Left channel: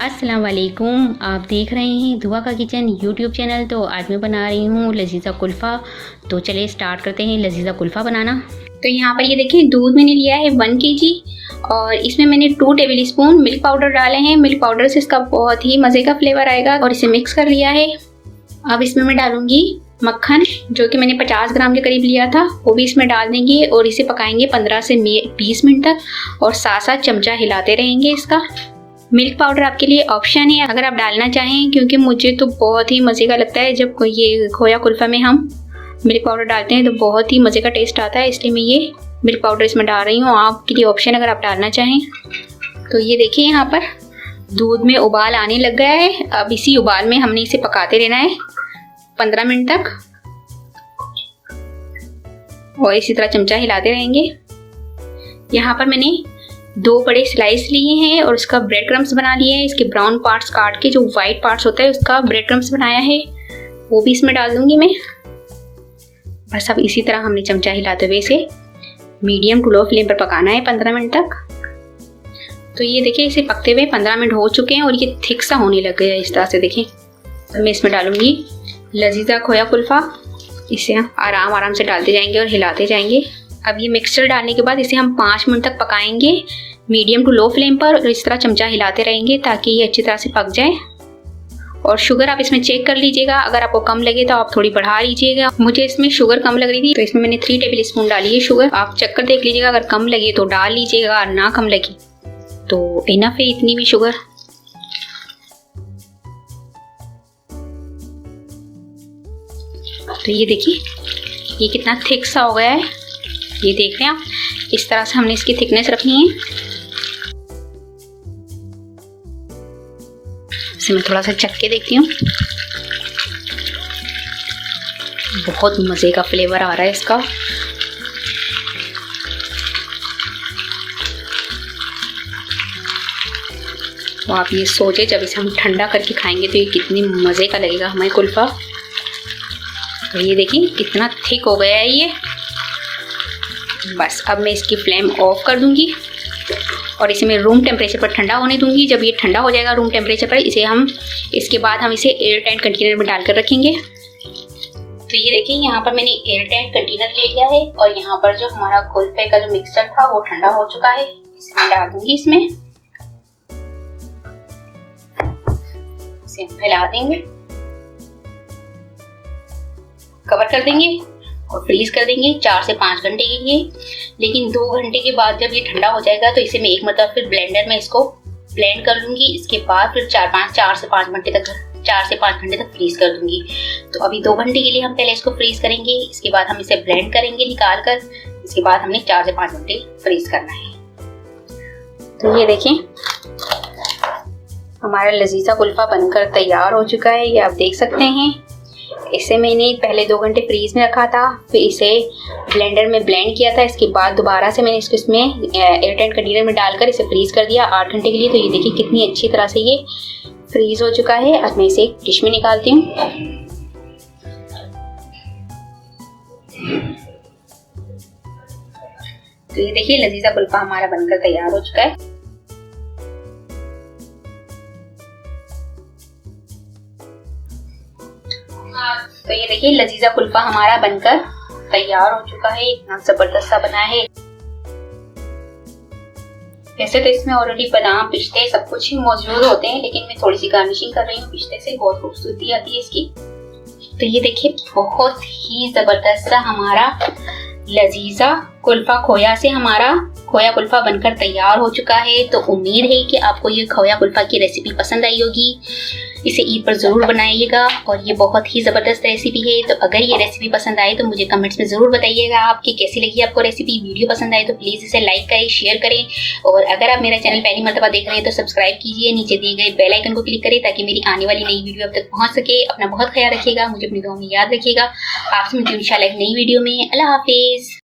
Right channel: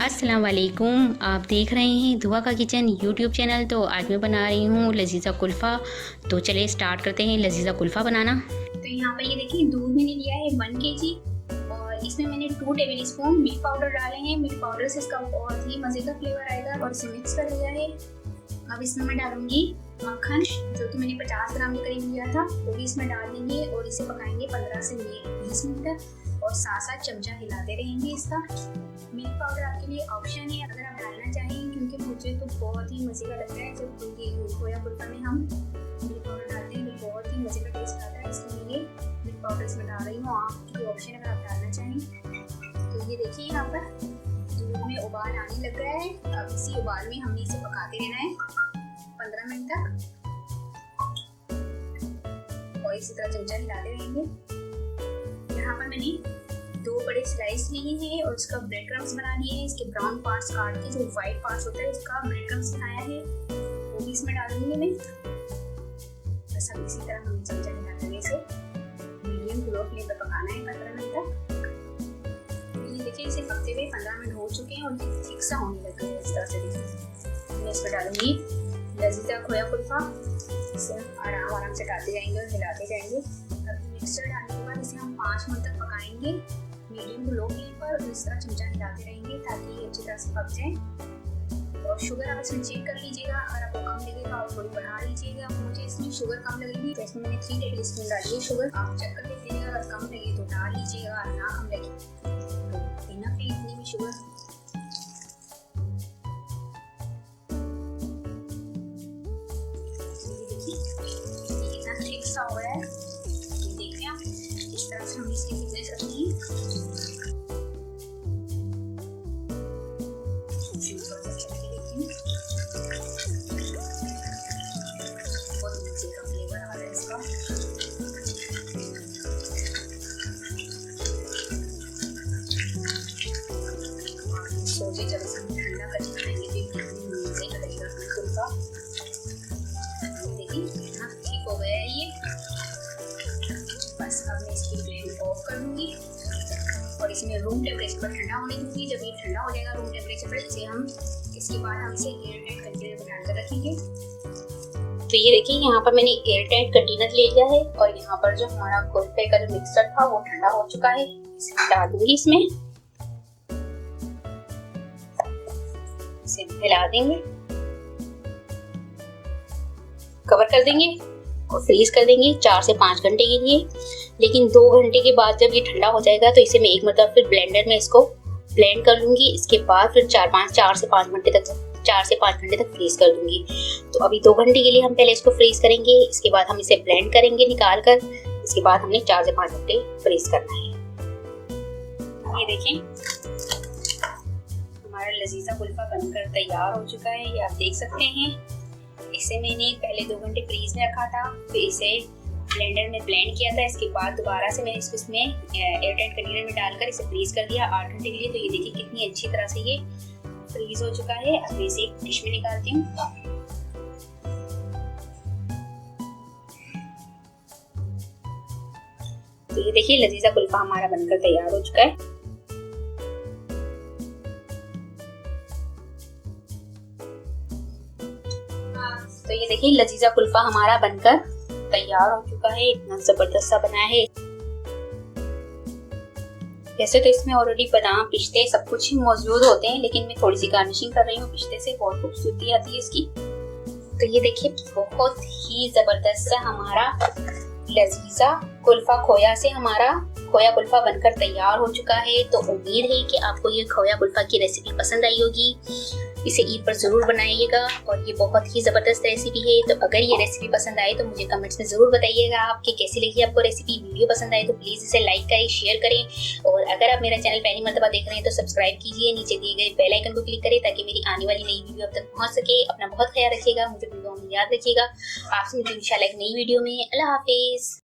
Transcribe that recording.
अस्सलाम वालेकुम। आप देख रहे हैं दुआ का किचन यूट्यूब चैनल। तो आज मैं बना रही हूँ लजीज़ा कुल्फ़ा। तो चलिए स्टार्ट करते हैं लजीज़ा कुल्फ़ा बनाना। तो यहाँ पर ये देखिए दूध मैंने लिया है 1 kg और इसमें मैंने 2 टेबल स्पून मिल्क पाउडर डाले हैं। मिल्क पाउडर से इसका बहुत ही मज़े का फ्लेवर आएगा और इसे मिक्स कर लिया है। अब इसमें मैं डालूंगी मक्खन जो कि मैंने 50 ग्राम के करीब लिया था, वो भी इसमें डाल देंगे और इसे पकाएंगे 15 से 20 मिनट तक और साथ साथ चमचा हिलाते रहेंगे इसका। मिल्क पाउडर आपके लिए ऑप्शन है अगर आप डालना चाहें, क्योंकि मुझे तो बहुत ही मज़े का लगता है जब ये खोया कुल्फ़ा में हम मिल्क पाउडर डालते हैं तो बहुत ही मज़े का टेस्ट आता है, इसलिए मैं ये मिल्क पाउडर इसमें डाल रही हूँ। आपके लिए ऑप्शन अगर आप डालना चाहें। तो ये देखिए यहाँ पर दूध में उबाल आने लग गया है। अब इसी उबाल में हमने इसे पकाते रहना है 15 मिनट तक और इसी तरह चमचा हिलाते रहेंगे। यहाँ पर मैंने 2 बड़े स्लाइस लिए हैं और उसका ब्रेड क्रम्स बना लिए हैं। इसके ब्राउन पार्ट्स काट के जो वाइट पार्ट्स होता है उसका ब्रेड क्रम्स बनाया है, वो भी इसमें डाल दूंगी मैं। बस अब इसी तरह हमने चमचा हिलाते हुए इसे मीडियम टू लो फ्लेम पर पकाना है 15 मिनट तक। तो ये देखिए इसे पकते हुए 15 मिनट हो चुके हैं और ये थिक सा होने लग गया है इस तरह से। देखिए तो मैं इसमें डालूंगी लजीज़ा खोया कुल्फ़ा। इसे हम आराम से डालते जाएंगे और हिलाते जाएंगे। अब ये मिक्सचर डालने के बाद इसे हम 5 मिनट तक पकाएंगे मीडियम टू लो फ्लेम पर और इस तरह चमचा हिलाते रहेंगे ताकि ये अच्छी तरह से पक जाए। और शुगर आप इसमें चेक कर लीजिएगा, अगर आपको कम लगे तो आप थोड़ी बढ़ा लीजिएगा। मुझे इसमें शुगर कम लग रही थी तो इसमें मैंने 3 टेबल स्पून डाली है शुगर। आप चेक कर देख लीजिएगा, अगर कम लगे तो डाल लीजिएगा और ना कम लगी तो इनफ है इतनी भी शुगर। तो ये देखिए ये कितना थिक सा हो गया है, ये देख रहे हैं आप। इस तरह से हमने इसकी थिकनेस रखनी है। इसे मैं थोड़ा सा चख के देखती हूँ। बहुत मज़े का फ्लेवर आ रहा है इसका। तो आप ये सोचे जब इसे हम ठंडा करके खाएंगे तो ये कितनी मज़े का लगेगा हमारी कुल्फ़ा। तो ये देखिए कितना थिक हो गया है ये। बस अब मैं इसकी फ्लेम ऑफ कर दूंगी और इसे मैं रूम टेम्परेचर पर ठंडा होने दूंगी। जब ये ठंडा हो जाएगा रूम टेम्परेचर पर इसके बाद हम इसे एयर टाइट कंटेनर में डालकर रखेंगे। तो ये देखिए यहाँ पर मैंने एयर टाइट कंटेनर ले लिया है और यहाँ पर जो हमारा कुल्फे का जो मिक्सचर था वो ठंडा हो चुका है। इसे मैं डाल दूंगी इसमें, इसे हम फैला देंगे, कवर कर देंगे और फ्रीज कर देंगे 4 से 5 घंटे के लिए। लेकिन 2 घंटे के बाद जब ये ठंडा हो जाएगा तो इसे मैं एक मतलब फिर ब्लेंडर में इसको ब्लेंड कर लूंगी। इसके बाद फिर 4 से 5 घंटे तक फ्रीज कर दूंगी। तो अभी 2 घंटे के लिए हम पहले इसको फ्रीज करेंगे, इसके बाद हम इसे ब्लेंड करेंगे निकाल कर। इसके बाद हमने 4 से 5 घंटे फ्रीज करना है। तो ये देखें हमारा लजीज़ा कुल्फ़ा बनकर तैयार हो चुका है, ये आप देख सकते हैं। इसे मैंने पहले 2 घंटे फ्रीज में रखा था, फिर इसे ब्लेंडर में ब्लेंड किया था। इसके बाद दोबारा से मैंने इसको इसमें एयरटाइट कंटेनर में डालकर इसे फ्रीज कर दिया 8 घंटे के लिए। तो ये देखिए कितनी अच्छी तरह से ये फ्रीज हो चुका है। अब मैं इसे एक डिश में निकालती हूँ। तो ये देखिए लजीज़ा कुल्फ़ा हमारा बनकर तैयार हो चुका है। तो ये देखिए लजीज़ा कुल्फ़ा हमारा बनकर तैयार हो चुका है। इतना जबरदस्त सा बना है। वैसे तो इसमें ऑलरेडी बादाम पिस्ते सब कुछ ही मौजूद होते हैं, लेकिन मैं थोड़ी सी गार्निशिंग कर रही हूँ पिस्ते से, बहुत खूबसूरती आती है इसकी। तो ये देखिए बहुत ही जबरदस्त सा हमारा लजीज़ा कुल्फ़ा खोया से हमारा खोया कुल्फ़ा बनकर तैयार हो चुका है। तो उम्मीद है कि आपको ये खोया कुल्फ़ा की रेसिपी पसंद आई होगी। इसे ईद पर ज़रूर बनाइएगा और ये बहुत ही ज़बरदस्त रेसिपी है। तो अगर ये रेसिपी पसंद आए तो मुझे कमेंट्स में ज़रूर बताइएगा आपकी कैसी लगी आपको रेसिपी। वीडियो पसंद आए तो प्लीज़ इसे लाइक करें, शेयर करें और अगर आप मेरा चैनल पहली मर्तबा देख रहे हैं तो सब्सक्राइब कीजिए। नीचे दिए गए बेल आइकन को क्लिक करें ताकि मेरी आने वाली नई वीडियो अब तक पहुँच सके। अपना बहुत ख्याल रखिएगा, मुझे अपनी दुआ में याद रखिएगा। आपसे मिलती हूं इंशाल्लाह एक नई वीडियो में। अल्लाह हाफिज़।